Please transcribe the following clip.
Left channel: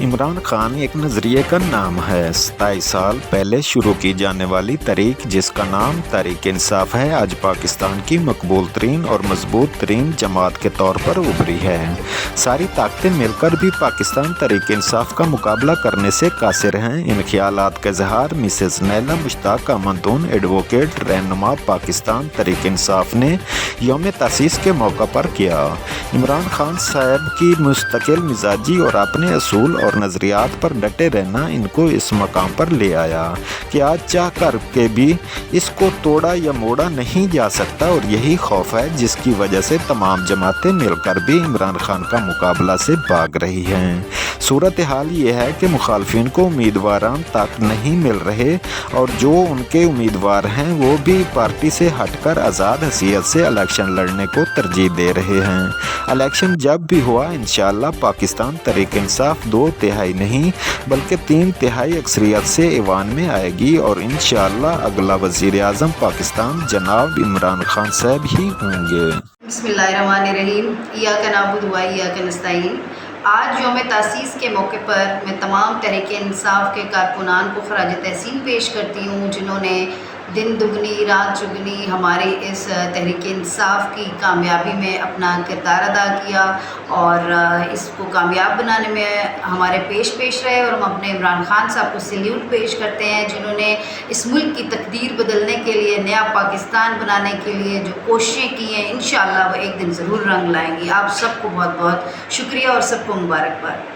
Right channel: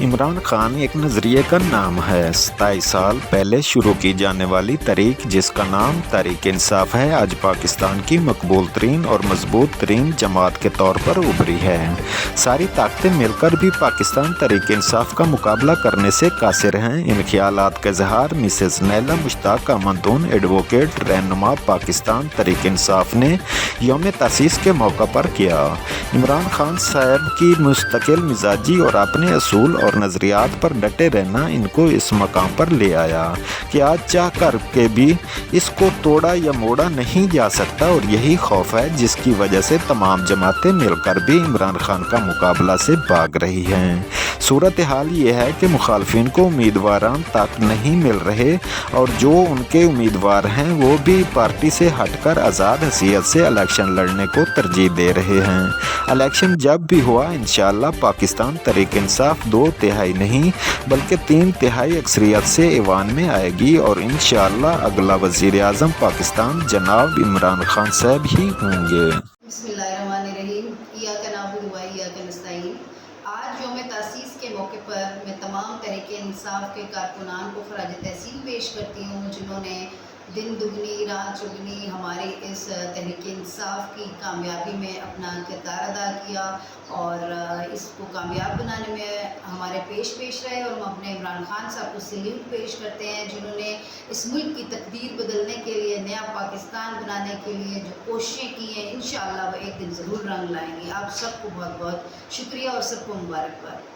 عمران خان ایک نظریے کا نام ہے۔ 27 سال پہلے شروع کی جانے والی تحریک جس کا نام تحریک انصاف ہے، آج پاکستان کی مقبول ترین اور مضبوط ترین جماعت کے طور پر ابھری ہے۔ ساری طاقتیں مل کر بھی پاکستان تحریک انصاف کا مقابلہ کرنے سے قاصر ہیں۔ ان خیالات کا اظہار مسز نیلا مشتاق احمدون، ایڈووکیٹ، رہنما پاکستان تحریک انصاف نے یوم تاسیس کے موقع پر کیا۔ عمران خان صاحب کی مستقل مزاجی اور اپنے اصول اور نظریات پر ڈٹے رہنا ان کو اس مقام پر لے آیا کہ آج چاہ کر کے بھی اس کو توڑا یا موڑا نہیں جا سکتا، اور یہی خوف ہے جس کی وجہ سے تمام جماعتیں مل کر بھی عمران خان کا مقابلہ سے بھاگ رہی ہیں۔ صورتحال یہ ہے کہ مخالفین کو امیدواران تک نہیں مل رہے، اور جو ان کے امیدوار ہیں وہ بھی پارٹی سے ہٹ کر آزاد حیثیت سے الیکشن لڑنے کو ترجیح دے رہے ہیں۔ الیکشن جب بھی ہوا انشاءاللہ پاکستان تحریک انصاف 2/3 نہیں بلکہ 3/3 اکثریت سے ایوان میں آئے گی، اور انشاءاللہ اگلا وزیر اعظم پاکستان جناب عمران خان صاحب ہی ہوں گے۔ بسم اللہ الرحمن الرحیم۔ ایاک نعبد و ایاک نستعین۔ آج یوم تاسیس کے موقع پر میں تمام تحریک انصاف کے کارکنان کو خراج تحسین پیش کرتی ہوں، جنہوں نے دن دگنی رات چگنی ہماری اس تحریک انصاف کی کامیابی میں اپنا کردار ادا کیا، اور اس کو کامیاب بنانے میں ہمارے پیش رہے، اور ہم اپنے عمران خان صاحب کو سلیوٹ پیش کرتے ہیں، جنہوں نے اس ملک کی تقدیر بدلنے کے لیے، نیا پاکستان بنانے کے لیے جو کوششیں کی ہیں، انشاءاللہ وہ ایک دن ضرور رنگ لائیں گی۔ آپ سب کو بہت بہت شکریہ اور سب کو مبارکباد۔